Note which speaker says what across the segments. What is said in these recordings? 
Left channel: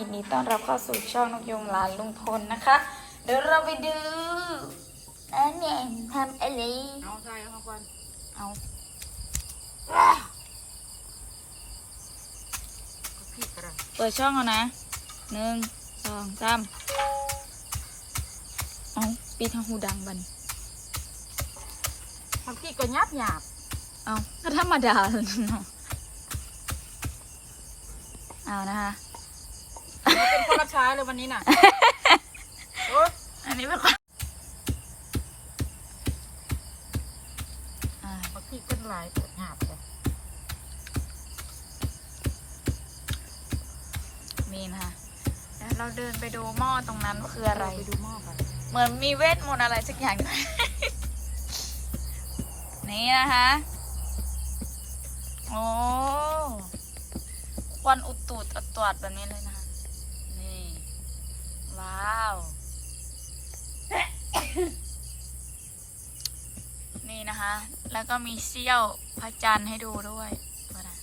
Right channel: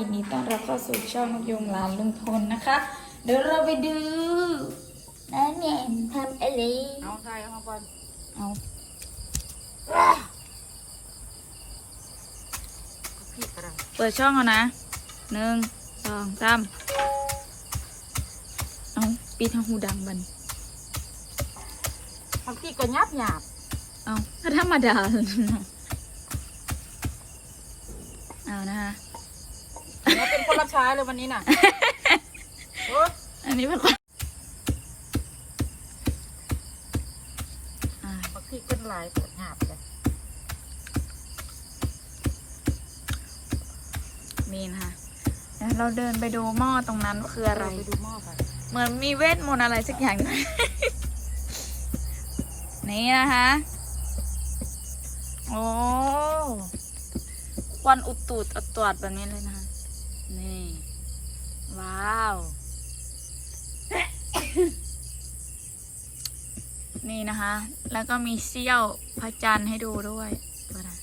Speaker 1: นดีต้อนรับเข้าสู่ช่องนกยุงหลานลุงพลนะคะ เดี๋ยวเราไปดูน้าแหนมทำอะไร
Speaker 2: เอาใส่เข้าไป
Speaker 1: เอา
Speaker 2: พี่กระไร
Speaker 1: เปิดช่องเอานะ1 2 3เอาปิดทางหูดังบัน
Speaker 2: มันพี่กระยับหยาบ
Speaker 1: เอาก็ธรรมดาเลยเนาะเอานะคะ
Speaker 2: มันเป็นคนละช้าเลยวันนี้น่ะโอ้
Speaker 1: อันนี้เป็นคน
Speaker 2: มันพี่เป็นลายปวดหยาบเลย
Speaker 1: นี่นะคะเราเดินไปดูหม้อตรงนั้นว่าคืออะไร
Speaker 2: ไปดูหม้อไป
Speaker 1: เหมือนมีเวทมนต์อะไรสักอย่างอยู่ นี่นะคะโอ้ควันอุดตูดอัดตวดแบบนี้เลยนะคะนี่ว้าว นี่นะคะ แล้วก็มีเสี้ยวพระจันทร์ให้ดูด้วยตัวนะ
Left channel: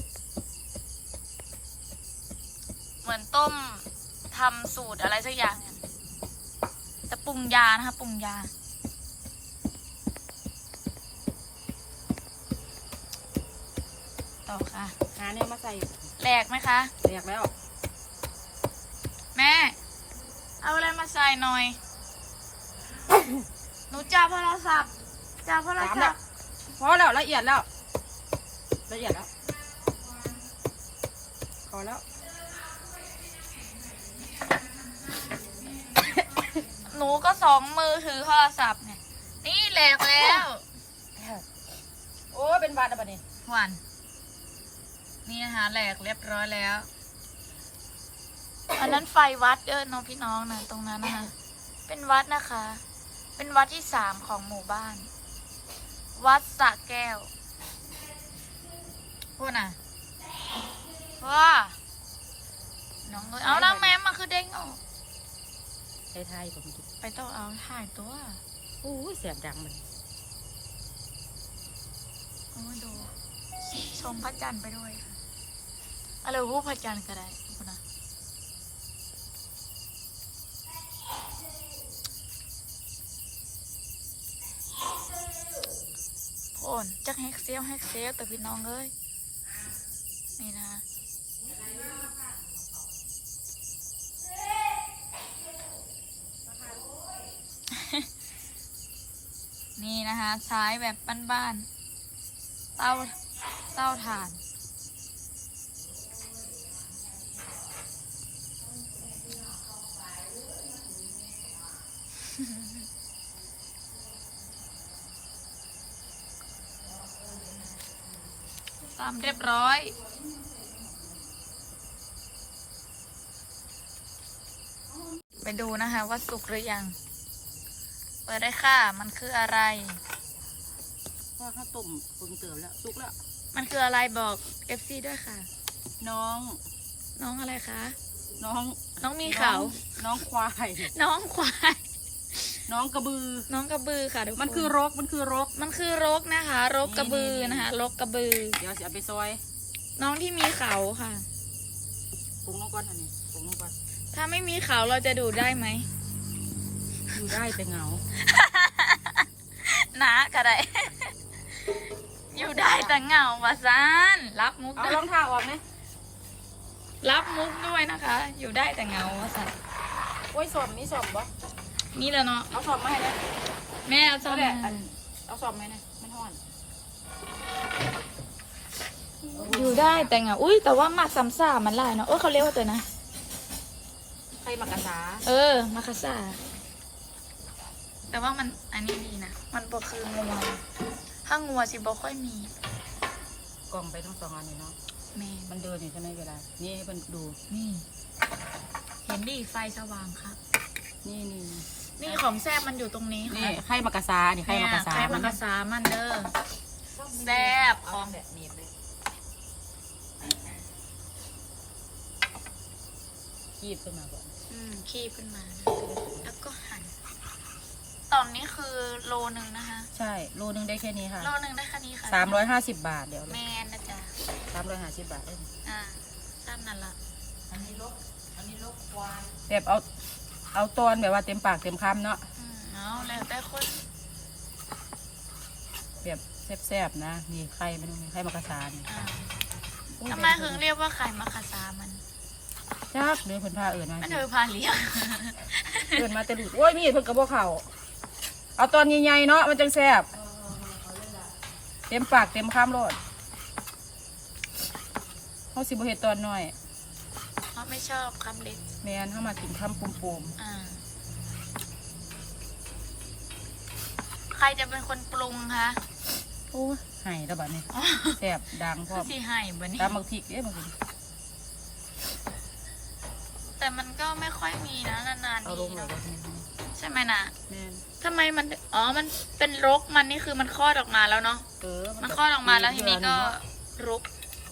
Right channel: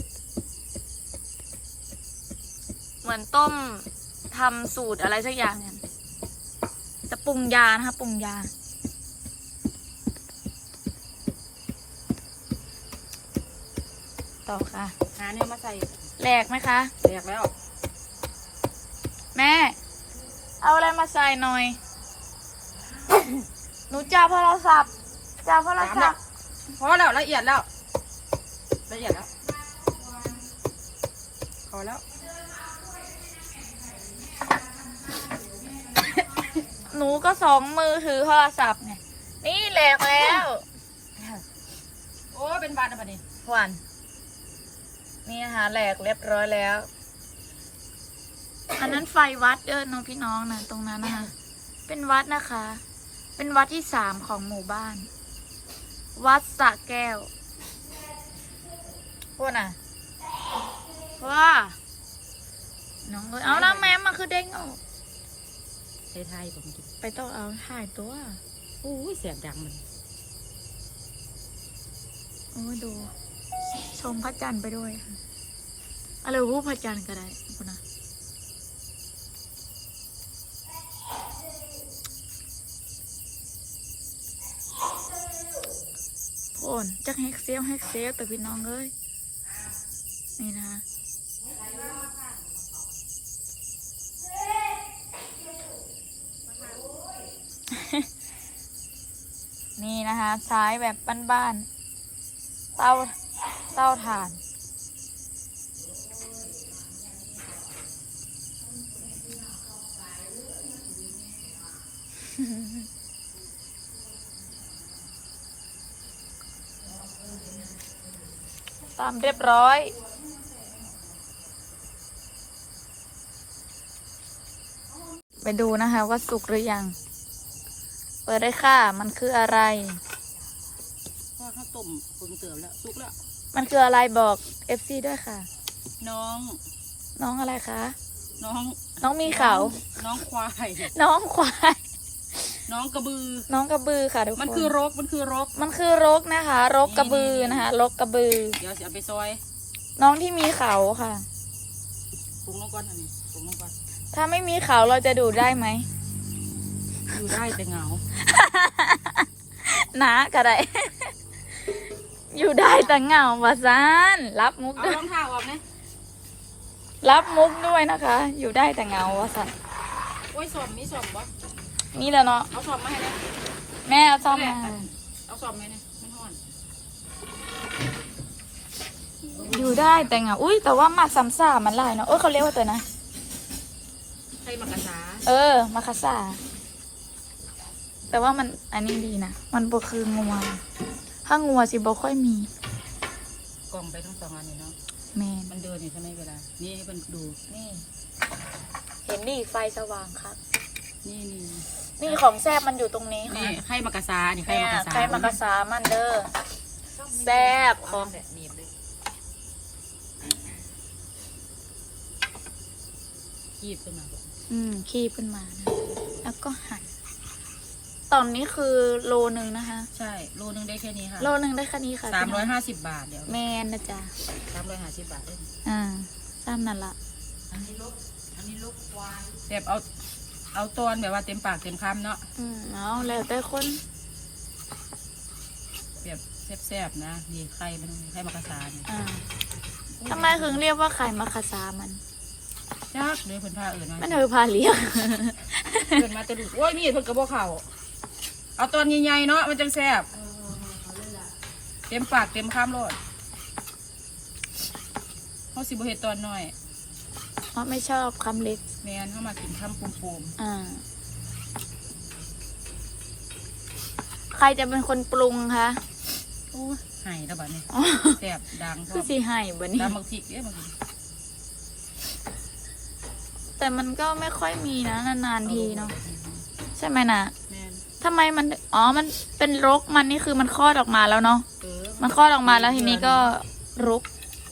Speaker 1: เหมือนต้มทำสูตรอะไรสักอย่างเนี่ยจะปรุงยานะคะปรุงยาต่อค่ะ
Speaker 2: หาเนี่ยมาใส่
Speaker 1: แหลกไหมคะ
Speaker 2: แหลกแล้ว
Speaker 1: แม่เอาอะไรมาใส่หน่อย หนูจับโทรศัพท์
Speaker 2: พอแล้วละเอียดแล้วพอแล้ว
Speaker 1: หนูก็2 มือถือโทรศัพท์ไงนี่แหลกแล้ว
Speaker 2: โอ้เป็นบาดอะไรนี่
Speaker 1: หวานนี่นะคะแหลกเรียบร้อยแล้วอันนั้นไฟวัดน้องพี่น้องนะตรงนั้นนะคะเป็นวัดนะคะเป็นวัดที่3ของหมู่บ้านวัดสระแก้วพวกน่ะว่าน้องเลยเอาแล้วแม่มาคือเด้งออก
Speaker 2: ไทยผม
Speaker 1: ไปต้องเอาถ่ายตัว
Speaker 2: โอ้ยเสียงดังเลย
Speaker 1: โอ้ดูชมพระจันทร์ไปด้วยค่ะอะไรวู้พระจันทร์ก็ได้คุณนะโอนจักแฮกเซลแต่พี่น้องเลยนี่นะคะนี่นะคะใช้แบบบ้านๆเตาถ่านตามเรียบร้อยไปดูนะคะว่าสุกหรือยังเปิดได้ค่ะมันคืออะไร
Speaker 2: ข้าวต้มปรุงเติมแล้วสุกแล้ว
Speaker 1: มันคืออะไรบอก FC ด้วยค่ะ
Speaker 2: น้อง
Speaker 1: อะไรคะ
Speaker 2: น้
Speaker 1: องมีเขา
Speaker 2: น้องควาย
Speaker 1: น้อง
Speaker 2: น้องกระบื
Speaker 1: อค่ะทุกคน
Speaker 2: มันคือรก
Speaker 1: นะคะรกกระบือนะคะรกกระบือ
Speaker 2: เดี๋ยวจะเอาไปซอย
Speaker 1: น้องที่มีเขาค่ะ
Speaker 2: ปรุงลงก่อนอันนี้ปรุงลงก่อน
Speaker 1: ถ้าไม่มีเขาเราจะดูได้ไหม
Speaker 2: ดูได้แต่เหงา
Speaker 1: นะกระไร อยู่ได้แต่เหงาวะซานรับมุก
Speaker 2: เอารองเท้าออกนะ
Speaker 1: รับมุกด้วยนะคะ อยู่ได้แต่เหงาวะซาน
Speaker 2: โอ้ยสอบมีสอบบ่
Speaker 1: นี่แหละเนาะ
Speaker 2: เอาสอบมาให้นะ
Speaker 1: แม่เอาสอบมา
Speaker 2: เอาสอบไหมนะไม่ห่อน
Speaker 1: อยู่ได้แต่เหงาอุ้ยแต่ว่ามาซ้ำซ่ามันเลยเนาะเขาเรียกว่าแต่นะ
Speaker 2: ใครมากระซา
Speaker 1: มาคาซาแต่ว่ามันอันนี้ดีนะมันบ่คืองัวถ้างัวสิบ่ค่อยมี
Speaker 2: กล่องไปทั้ง2 อันนี่เนาะ
Speaker 1: แม่
Speaker 2: มันเดินอยู่ใช่ไหมเวลานี่มันดู
Speaker 1: นี่เห็นดิไฟสว่างครับ
Speaker 2: นี่
Speaker 1: ของแซ่บมันอยู่ตรงนี้
Speaker 2: นี่ไข่มากระซานี่ไข่มากระซา
Speaker 1: มันเด้อแซ่บของ
Speaker 2: แบบนี้เลยคีบขึ้นมาก่อน
Speaker 1: คีบขึ้นมาแล้วก็หั่นตอนนี้คือโลนึงนะคะ
Speaker 2: ใช่โลนึงได้แค่นี้ค่ะ
Speaker 1: โลนึงได้แค่นี้ค่ะ
Speaker 2: 350 บาทเดี๋ยว
Speaker 1: แมนนะจ๊ะ
Speaker 2: 350 บาทเอง
Speaker 1: ซ้ำนั่นละ
Speaker 2: อันนี้ลกควาย
Speaker 3: แบบเอาตอนแบบว่าเต็มปากเต็มคำเนาะ
Speaker 1: เอาแล้วแต่คน
Speaker 3: แบบแซ่บๆนะมีไข่มันมีไข่มะกระชาน
Speaker 1: ทำไมถึงเรียกว่าไข่มะคาซามัน
Speaker 3: จ้าเลยคนพาเอื่นมา
Speaker 1: มันเธอพาเลี้ยง
Speaker 3: เอื่นมาแต่ดุโอ้ยมีดเพิ่นกระบอกเข่าเอาตอนใหญ่ๆเนาะมันจังแซ่บเต็มปากเต็มคำโลดเขาสิบเฮ็ดตอนน้อย
Speaker 1: เพราะไม่ชอบคำเล็ก
Speaker 3: แมนเข้ามากินคำปุ่ม
Speaker 1: ใครจะเป็นคนปรุงคะ
Speaker 3: ๆโอ้ยไห้แล้วบัดนี้แซ่บดังพร้
Speaker 1: คือ อ
Speaker 3: ม
Speaker 1: สิให้บนี้
Speaker 3: ตามบักพริกเอ๊ะบางที
Speaker 1: แต่มันก็ไม่ค่อยมีนะนานๆทีเนาะใช่ไหมนะ
Speaker 3: แมน
Speaker 1: ทำไมมันมันเป็นรกมันนี่คือมันคลอดออกมาแล้วเนาะ
Speaker 3: เออ
Speaker 1: มันคลอดออกมาแล้วทีนี้ก็รก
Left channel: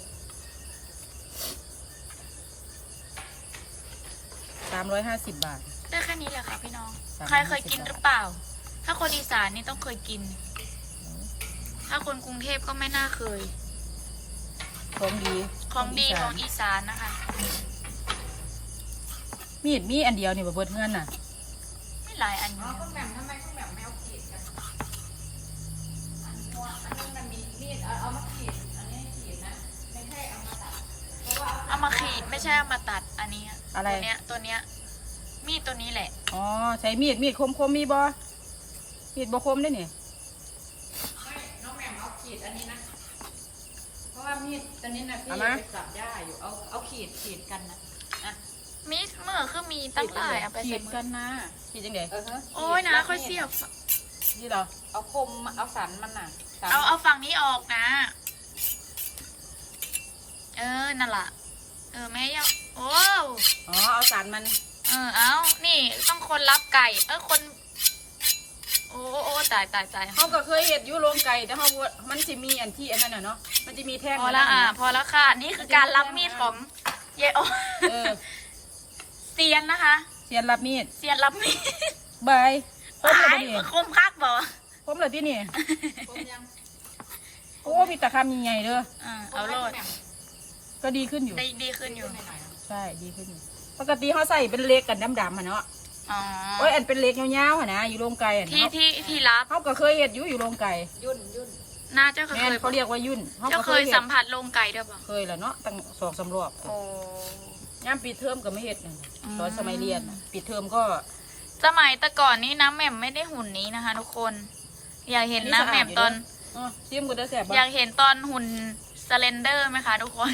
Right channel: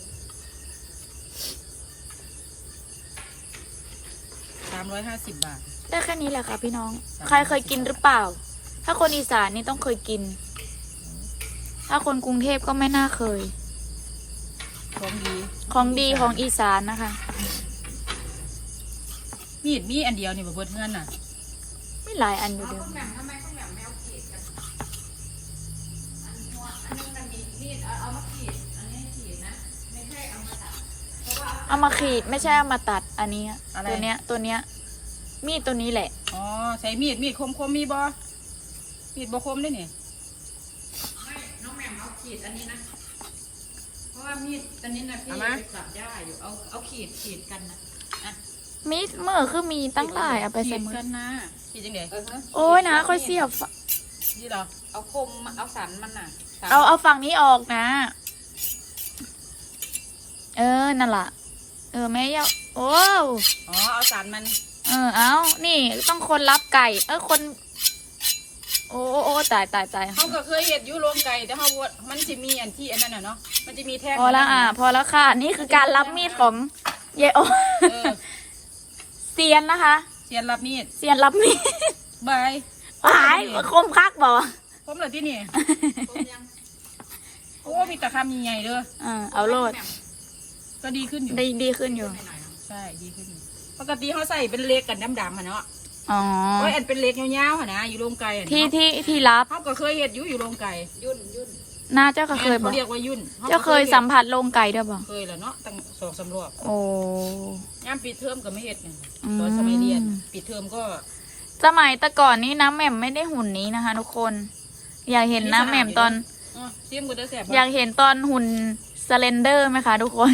Speaker 3: 350 บาท
Speaker 1: ได้แค่นี้แหละค่ะพี่น้อง
Speaker 3: 350
Speaker 1: ใครเคยกินหรือเปล่า ถ้าคนอีสานนี่ต้องเคยกิน ถ้าคนกรุงเทพก็ไม่น่าเคย
Speaker 3: ของดี
Speaker 1: ของดีของอีสานนะคะ
Speaker 3: มีดมีอันเดียวนี่บ่เบิดเงินน่ะ
Speaker 1: ไม่หลายอันอยู่เดียว เอามาขีดไม่ใช่เอามาตัดอันนี้อะ
Speaker 3: อะไร
Speaker 1: ตัวเนี้ยมีดตัวนี้แหละ
Speaker 3: อ๋อใช้มีดคมมีบ่มีดบ่คมได้นี่
Speaker 2: น้องแหม่มเอาขีดอันนี้นะเพราะว่ามีดอันนี้นะพี่ไปตัดหญ้าอยู่เอาขีดกันนะ
Speaker 1: มีดเมื่อคือมีตั้งหลายเอาไป
Speaker 2: ขี
Speaker 1: ใส่
Speaker 2: ด
Speaker 1: มือ
Speaker 2: กันนะ
Speaker 3: คิดจังได๋
Speaker 1: โอ้ยนะค่อยเสียบ
Speaker 3: นี่เหรอ
Speaker 2: เอาคมเอาสันมันน่ะสัน
Speaker 1: เอาฝั่งนี้ออกนะ นั่นล่ะ แม่ยาโอ้
Speaker 3: อ๋อเอาสารมัน
Speaker 1: เอานี่ต้องคนรับไก่ คน โอ้ตาย
Speaker 3: เฮาก็เคยเฮ็ดอยู่โรงไก่แต่เฮาว่ามันสิมีอันที่อันนั้นน่ะเนาะมันจะมีแท่ง
Speaker 1: พอแล้วพอแล้วค่ะ นี่คือการรับมีดของเยโอ
Speaker 3: เออ
Speaker 1: เซียนนะคะ
Speaker 3: เทียนรับมีด
Speaker 1: เซียนรับมีด
Speaker 3: บาย
Speaker 1: หายคมคักบ่
Speaker 3: ผมเลยที่นี่
Speaker 2: คมยัง
Speaker 3: โอ้มีแต่คำใหญ่ๆเด้อ
Speaker 1: เอาโลด
Speaker 3: ก็ดีขึ้นอยู่
Speaker 1: ดีขึ้นอยู่
Speaker 3: ใช่ดีขึ้นอยู่ปกติเขาใส่เป็นเล็กกันดำๆอ่ะเนาะ
Speaker 1: อ๋อ
Speaker 3: โอ้ยอันเป็นเล็กยาวๆอะนะอยู่โรงไก่อะ
Speaker 1: ที่รับ
Speaker 3: เขาก็เคยเห็ดอยู่โรงไก่
Speaker 2: ยุ่น
Speaker 1: น่าเจ้าก็เคยบอ
Speaker 3: เขา
Speaker 1: ก
Speaker 3: เรียกว่ายุ่น
Speaker 1: เจ้าเคยสัมผัสโรงไก่ด้วยบ่
Speaker 3: เคยแหละเนาะตั้ง2-3 รอบ
Speaker 1: โอ้
Speaker 3: งานปิดเทอมก็ไม่เห็ดนั่นน่ะ
Speaker 1: อืม
Speaker 3: ตอนสมัยเรียนน่ะปิดเทอมก็
Speaker 1: สมัยแต่ก่อนนี้น้ำแหม่มไม่ได้หุ่นนี้นะคะ ทุกคน อยากเห็นน้ำแหม่มตอน
Speaker 3: ซิมก็ได้แสบ
Speaker 1: อยากเห็นตอนหุ่นสเลนเดอร์ไหมคะทุกคน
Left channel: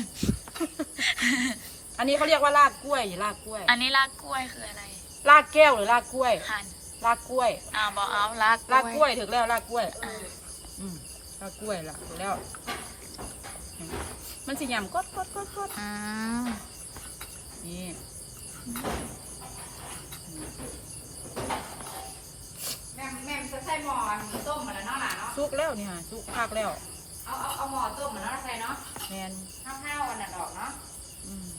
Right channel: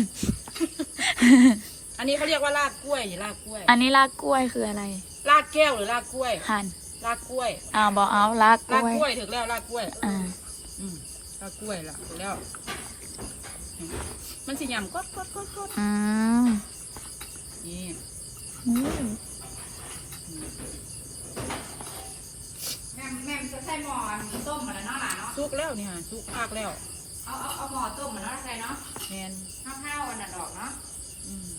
Speaker 3: อันนี้เขาเรียกว่าลากกล้วยลากกล้วย
Speaker 1: อันนี้ลากกล้วยคืออะไร
Speaker 3: ลากแก้วหรือลากกล้วย
Speaker 1: หั่น
Speaker 3: ลากกล้วย
Speaker 1: บอกเอาลากก
Speaker 3: ลาก
Speaker 1: ล้วย
Speaker 3: กล้วยถึงแล้วลากกล้วย
Speaker 1: อ่า
Speaker 3: ลากกล้วยละถึงแล้วมันสิยำกด
Speaker 1: อืม
Speaker 3: นี่
Speaker 2: แม่จะใส่หม้อต้มมาแล้วเนาะหล่ะเนาะ
Speaker 3: สุกแล้วนี่ฮะสุกพักแล้ว
Speaker 2: เอาหม้อต้มมาแล้วใส่เนาะ
Speaker 3: แมน
Speaker 2: ข้าวอันนั้นออกเนาะ
Speaker 3: อืม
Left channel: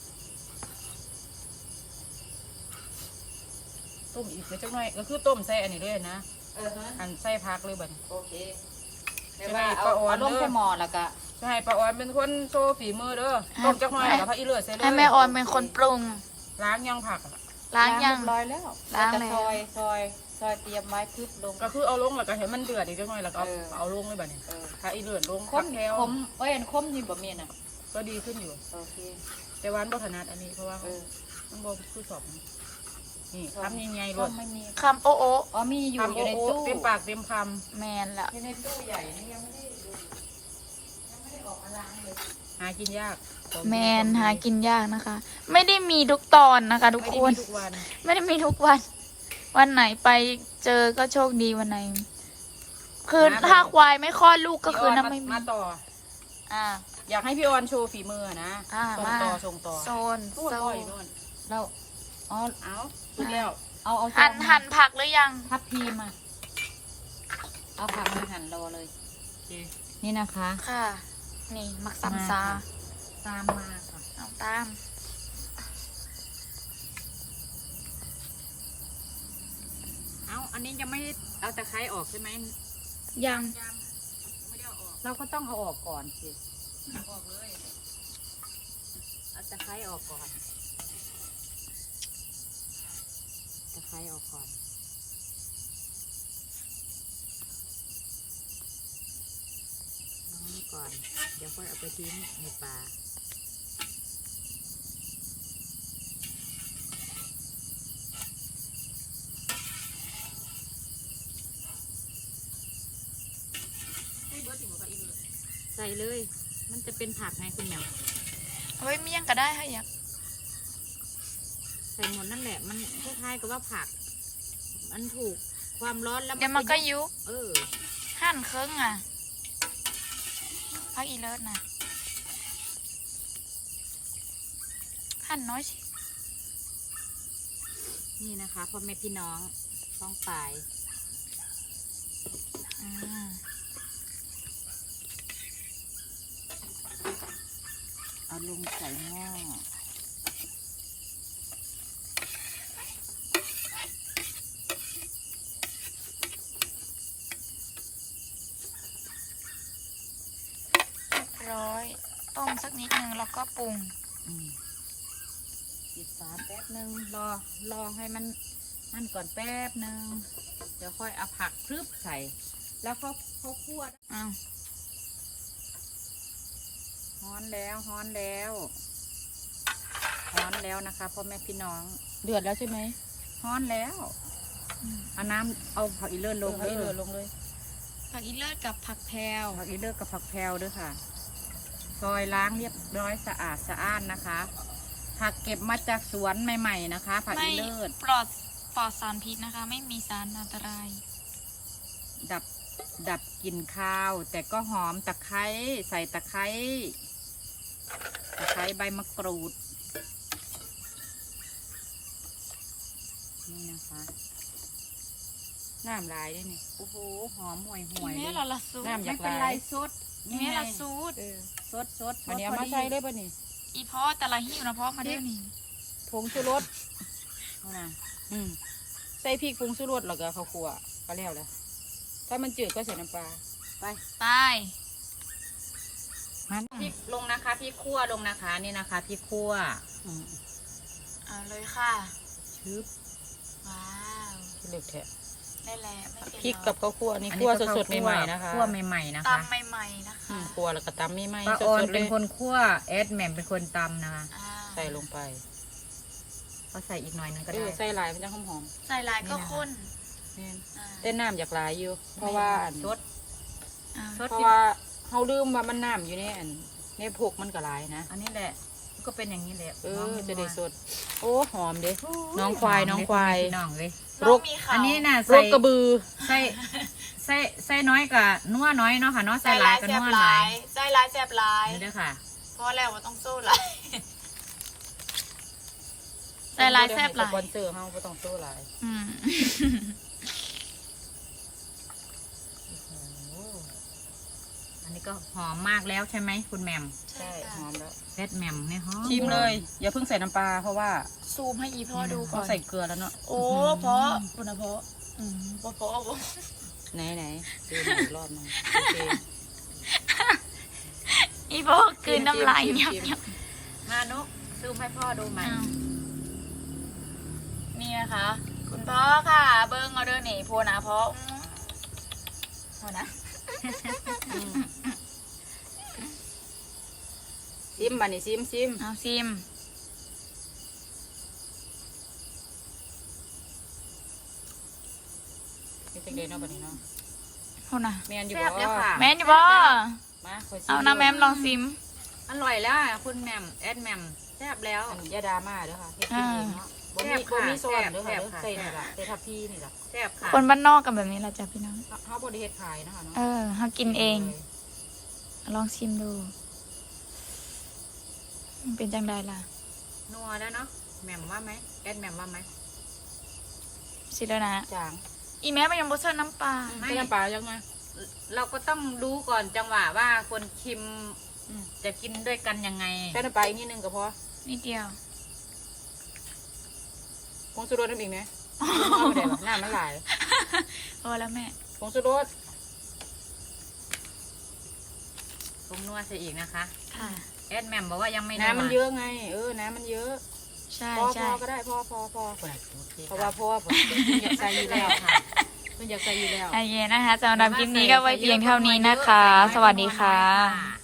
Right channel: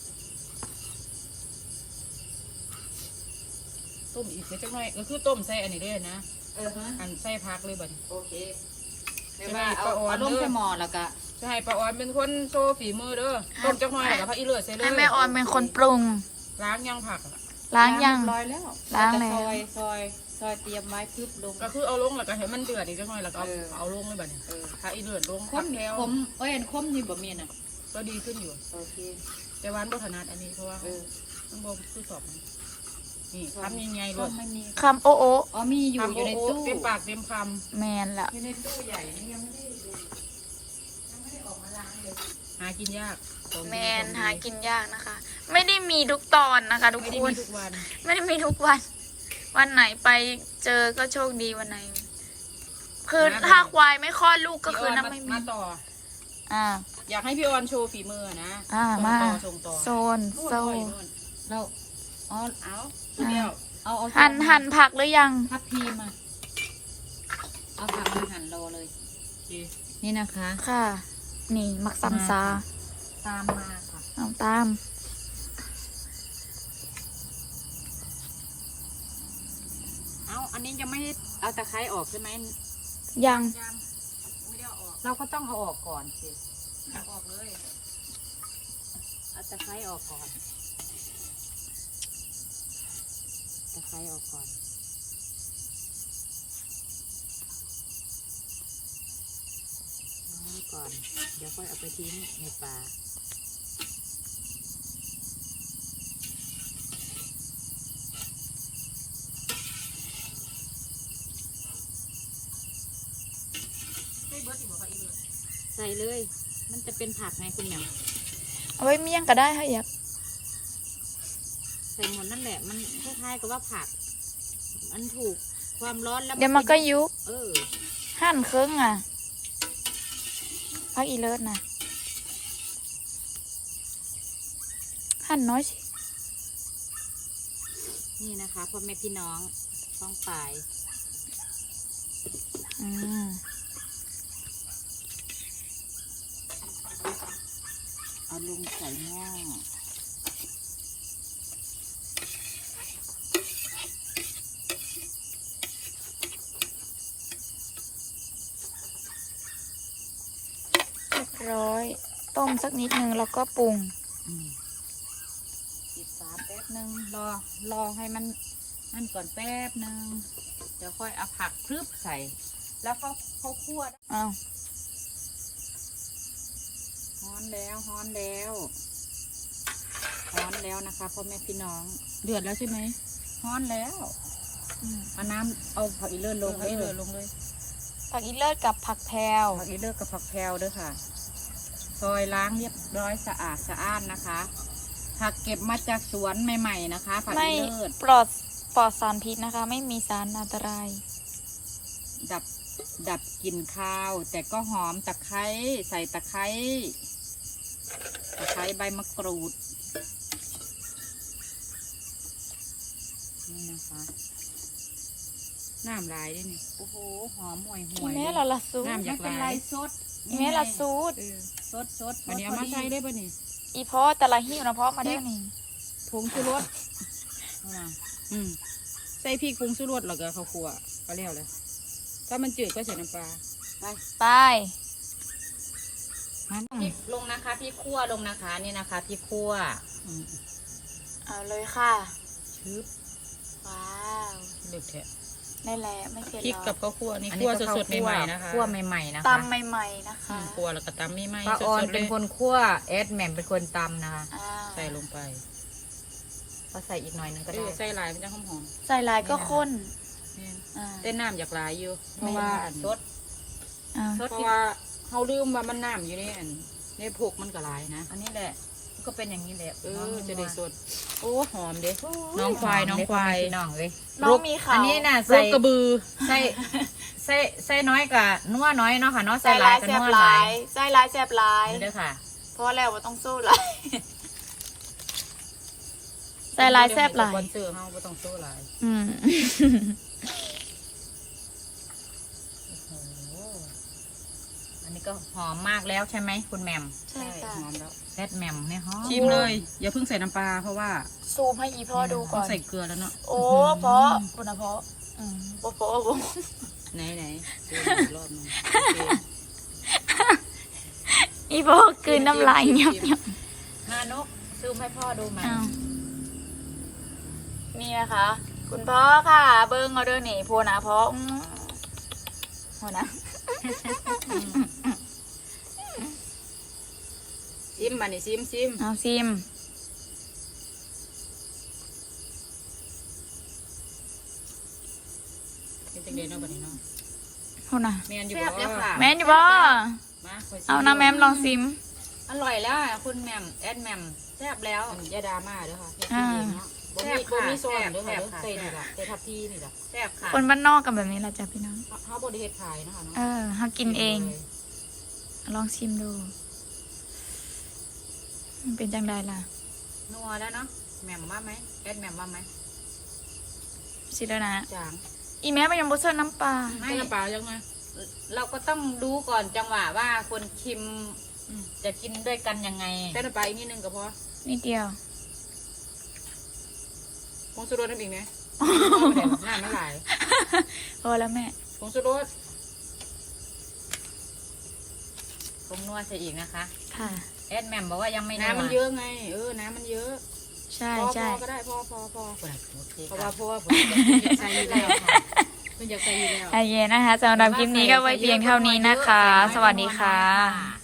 Speaker 3: ต้มอีกไม่จักหน่อยก็คือต้มใส่อันนี้ด้วยนะ
Speaker 2: ฮะ
Speaker 3: อันใส่พักเลยบัดนี้
Speaker 2: โอเค
Speaker 3: จะให้ป้าออนเด้อ
Speaker 2: ลงใส่หม้อแล้วก็
Speaker 3: จะให้ป้าออนเป็นคนโชว์ฝีมือเด้อต้มจักหน่อยแล้วก็พักอีเลือดใส่เลย
Speaker 1: ให้แม่ออนเป็นคนปรุง
Speaker 3: ล้างยังผักอะ
Speaker 1: ล้างยัง
Speaker 2: ร้อยแล้ว
Speaker 1: ล้างแล้ว
Speaker 2: ซอยเตรียมไม้พึบลง
Speaker 3: ก็คือเอาลงแล้วก็เห็นมันเดือดอีกจักหน่อยแล้วก็
Speaker 2: เออ
Speaker 3: เอาลงเลยบัดนี้
Speaker 2: เออ
Speaker 3: ถ้าอีเลือดลง
Speaker 2: ค
Speaker 3: ผั
Speaker 2: ม
Speaker 3: กแก้ว
Speaker 2: คมอันคมนี่บ่มีน่ะ
Speaker 3: ก็ดีขึ้นอยู่
Speaker 2: โอเค
Speaker 3: แต่วาอันบ่ถนัดอันนี้เพราะว่า
Speaker 2: เออ
Speaker 3: มันบ่คือสอบนะนี่ทำยังไง
Speaker 2: ค
Speaker 3: ร
Speaker 2: ม
Speaker 3: ส
Speaker 2: ไม่มี
Speaker 1: คำโอ้โอ้
Speaker 2: อ๋อมีอยู่
Speaker 3: ทำ
Speaker 2: อยู่ในตู้
Speaker 3: เต็มปากเต็มค
Speaker 1: แมนละ
Speaker 2: อยู่ในตู้ใหญ่นี่ยังไม่ได้ออกมาล้างเลย
Speaker 3: ำหากินยากของดี
Speaker 1: แมน
Speaker 3: ของดี
Speaker 1: หากินยากนะคะ ไม่ได้มีทุกตอนนะคะ ทุก
Speaker 3: ไม่
Speaker 1: ค
Speaker 3: ได้
Speaker 1: น
Speaker 3: มีทุกวัน
Speaker 1: ไม่ได้มีทุกวัน วันไหนไปเจอก็โชคดีวันไหน คือถ้าควายไม่คลอดลูกก็คือ
Speaker 3: พี่
Speaker 1: น้ำ
Speaker 3: อ
Speaker 1: ไม่
Speaker 3: น
Speaker 1: มี
Speaker 3: มาต่อ
Speaker 1: อ่า
Speaker 3: อยากให้พี่ออนโชว์ฝีมือนะ ส่ง
Speaker 1: มา
Speaker 3: ต่อส่งต่อ
Speaker 1: โซน
Speaker 3: นู่น
Speaker 1: โซ
Speaker 3: นู่น
Speaker 1: น
Speaker 3: นู่น
Speaker 2: เราอ๋อ
Speaker 3: เอาสุดแล้ว
Speaker 2: เอา
Speaker 1: หั่นผักหรือยัง
Speaker 2: พับพีมาเอาผักมาหั่นรอเลย นี่นะคะ
Speaker 1: ค่ะ นี่มักซัมซา
Speaker 2: ตามมาค่ะ
Speaker 1: เอาตาม
Speaker 2: เอาอันนี้ยังไม่ได้เอาตะไคร้ออกใช่ไหม
Speaker 1: ยัง
Speaker 2: เราก็ต้องเอาออกก่อนสิ
Speaker 3: เอาออกเลย
Speaker 2: เอาตะไคร้ออกก่อนตะไคร้ออกก่อนลองนี่ก่อนเดี๋ยวค่อยเอาไปทิ้งในป่าใส่เลย มันจะเป็นผักไงคุณแหม่ม
Speaker 1: เอาไว้เมี่ยงก็ได้ค่ะอยาก
Speaker 2: ใส่หมดนั่นแหละ มันคล้ายๆกับว่าผัก มันถูกความร้อนแล้ว
Speaker 1: เดี๋ยวมันก็ยุบ
Speaker 2: เออ
Speaker 1: หั่นครึ่งอ่ะพักอีเลิศนะหั่นน้อยสิ
Speaker 2: นี่นะคะพ่อแม่พี่น้องฟ้องปลาย
Speaker 1: อืม
Speaker 2: เอาลงใส่หม้อ
Speaker 1: เรียบร้อย ต้มสักนิดนึงแล้วก็ปรุง
Speaker 2: ปิดฝาแป๊บนึงรอให้มันนั่นก่อนแป๊บนึงเดี๋ยวค่อยเอาผักพรึบใส่ แล้วเขาคั่ว
Speaker 1: อ้าว
Speaker 2: ฮ้อนแล้วฮ้อนแล้วฮ้อนแล้วนะคะพ่อแม่พี่น้อง
Speaker 3: เดือดแล้วใช่ไหม
Speaker 2: ฮ้อนแล้ว
Speaker 1: อืม
Speaker 2: เอาน้ำเอาผักอีเลิศลง
Speaker 3: เดือดลงเลย
Speaker 1: ผักอีเลิศกับผักแพรว
Speaker 2: ผักอีเลิศกับผักแพรวด้วยค่ะซอยล้างเรียบร้อยสะอาดสะอ้านนะคะผักเก็บมาจากสวนใหม่ๆนะคะผัก
Speaker 1: ไม่
Speaker 2: อีเลิศ
Speaker 1: ปลอดสารพิษนะคะ ไม่มีสารอันตราย
Speaker 2: ดับกลิ่นคาว แต่ก็หอมตะไคร้ใส่ตะไคร้ใบมะกรูดนี่นะคะน้ำลายด้วยนี่โอ้โหหอมห่วยห่
Speaker 1: อี
Speaker 2: วย
Speaker 1: แม่เราละซูด
Speaker 2: น้ำไม่เป็นไรซด
Speaker 1: อีแม่ละซูด
Speaker 2: ซด
Speaker 3: อันนี้เอามาใส่ได้ป่ะนี่
Speaker 1: อีพ่อแต่ละหิ้วนะพ่อมาได้นี่
Speaker 3: ผงชูรส
Speaker 2: เอานะ
Speaker 3: ใส่พริกผงชูรสแล้วก็ข้าวคั่วก็แล้วแหละถ้ามันจืดก็ใส่น้ำปลา
Speaker 2: ไป
Speaker 1: ไป
Speaker 2: พริกลงนะคะพริกคั่วลงนะคะนี่นะคะพริกคั่ว
Speaker 1: เอาเลยค่ะ
Speaker 3: ชืบ
Speaker 1: ว้าว
Speaker 3: เด็กแทะ
Speaker 1: ได้แล้วไม่เผ็ด
Speaker 3: พริก
Speaker 1: หร
Speaker 3: กับ
Speaker 2: อั
Speaker 3: ข้าวคั่วนี่
Speaker 2: น
Speaker 3: คั่
Speaker 2: นี้
Speaker 3: ว
Speaker 2: ก็
Speaker 3: สดๆใหม่ๆนะคะ
Speaker 2: คั่วใหม่ๆนะคะ
Speaker 1: ตำใหม่ๆนะคะ
Speaker 3: คั่วแล้วก็ตำใหม่ๆ
Speaker 2: ป้าออน
Speaker 3: สดๆ
Speaker 2: เป็น
Speaker 3: ลย
Speaker 2: คนคั่วแอดแหม่มเป็นคนตำนะคะ
Speaker 1: อ่า
Speaker 3: ใส่ลงไป
Speaker 2: ก็ใส่อีกหน่อยนึงก็ได้
Speaker 3: ใส่ลายมันจะหอม
Speaker 1: ใส่ลายก็ข้น
Speaker 3: ๆนี่
Speaker 1: อ่า
Speaker 3: เต้นน้ำอยากหลายอยู่เพ
Speaker 2: ไม่
Speaker 3: ราะว่าอัน
Speaker 2: สด
Speaker 1: อ่า
Speaker 2: สด
Speaker 3: เพราะว่าเขาลืมว่ามันน้ำอยู่ในอันในพกมันก็หลายนะ
Speaker 2: อันนี้แหละก็เป็นอย่างนี้แหละ
Speaker 3: น้อง
Speaker 2: มี
Speaker 3: จะได้ส
Speaker 2: นัว
Speaker 3: ดโอ้หอมเด้น้องควายน้องควาย
Speaker 2: น้องเลย
Speaker 1: น้องมีเขา
Speaker 2: อันนี้น่ะ
Speaker 3: ร
Speaker 2: ใส่
Speaker 3: กกระบือ
Speaker 2: ใส่น้อยกับนัวน้อยเนาะค่ะเนาะ
Speaker 1: ใส่
Speaker 2: ใส่ห
Speaker 1: ลา
Speaker 2: ลาย ยกับ
Speaker 1: แซ่บ
Speaker 2: นัว
Speaker 1: ห
Speaker 2: ห
Speaker 1: ลา
Speaker 2: ลาย ย
Speaker 1: ใส่ลายแซ่บหลาย
Speaker 2: นี่เด้อค่ะ
Speaker 1: เพราะแล้วว่าต้องสู้หลายใส่ลายแซ่บหลาย
Speaker 3: สปอนเซอร์เขาไม่ต้องโซ่หลาย
Speaker 1: อืม
Speaker 2: โอ้โหอันนี้ก็หอมมากแล้วใช่ไหมคุณแหม่ม
Speaker 1: ใช่ค่ะ
Speaker 3: หอมแล้ว
Speaker 2: แอดแหม่มไม่หอม
Speaker 3: ชิมเลย อย่าเพิ่งใส่น้ำปลาเพราะว่า
Speaker 1: ซูมให้อีพ่อดูก่
Speaker 3: เขา
Speaker 1: อน
Speaker 3: ใส่เกลือแล้วเนาะ
Speaker 1: โอ้เพราะคุณนะเพราะเพราะ
Speaker 3: ไหนเกลือรอดมันโอเค
Speaker 1: อีพ่อคืนน้ำลายเงียบ
Speaker 2: ฮานกซูมให้พ่อดูมา
Speaker 1: อ้าวนี่นะคะ คุณพ่อค่ะ เบิ้งเอาเด้อนี่โพนะพ่อโพนะ
Speaker 3: ชิมมานี่ชิม
Speaker 1: เอาซิม
Speaker 3: เป็นจังเดนเนาะบัดนี้เนาะ
Speaker 1: โพนะ
Speaker 3: แม่นอยู่
Speaker 2: แซ่บแล้วค่ะ
Speaker 1: แม่นอยู่บ่
Speaker 3: มาคยชิ
Speaker 1: เอานะแม่มลองซิม
Speaker 2: อร่อยแล้วอ่ะคุณแหม่มแอดแหม่มแซ่บแล้ว
Speaker 3: อันนี้อยาดราม่าเด้อค่ะเฮ็ด
Speaker 1: อ่า
Speaker 3: กินเองเนาะบ่มี
Speaker 2: แซ่บค่ะ
Speaker 3: บ่มีโซนเด้อค่ะ
Speaker 2: แซ่บค่ะ
Speaker 3: ใส่นี่ล่ะใส่ทับพี่นี่ล่ะ
Speaker 2: แซ่บค่ะ
Speaker 1: คนบ้านนอกกันแบบนี้แหละจ้ะพี่น้อง
Speaker 3: เฮาบ่ได้เฮ็ดขายเนาะค่ะเนาะ
Speaker 1: หากินเอง ลองชิมดู มันเป็นจังไดล่ะ
Speaker 2: นัวแล้วเนาะแหม่มว่าไหมแอดแหม่มว่าไหม
Speaker 1: ชิแล้วนะ
Speaker 3: จาง
Speaker 1: อีแม่มันยังบ่เสิร์ฟน้ำปลา
Speaker 2: ไม่
Speaker 3: ไม่ปลายังไง
Speaker 2: เราก็ต้องดูก่อนจังหวะว่าคนชิม
Speaker 3: อืม
Speaker 2: จะกินด้วยกันยังไง
Speaker 3: ใส่น้ำปลาอีกนิดนึงก็พอ
Speaker 1: นิดเดียว
Speaker 3: ผงชูรสน้ำอีกไหมไม่ได้หรอกน้ำมันหลาย
Speaker 1: พอแล้วแม่
Speaker 3: ผงชูรส
Speaker 2: ผงนัวใส่อีกนะคะ
Speaker 1: ค่ะ
Speaker 2: แอดแหม่มบอกว่ายังไม่นัว
Speaker 3: น้ำมันเยอะไงน้ำมันเยอะ
Speaker 1: ใช่
Speaker 3: พอ
Speaker 1: ใช่
Speaker 3: ก็ได้พอ
Speaker 2: โอเค
Speaker 3: เพราะ
Speaker 2: ค่ะ
Speaker 3: ว่าพอผมอยากใส่อยู่แล้วค่ะมันอยากใส่อยู่แล้ว
Speaker 1: โอเคนะคะสำหรับคลิปนี้ก็ไว้เพียงเท่านี้นะคะ สวัสดีค่ะ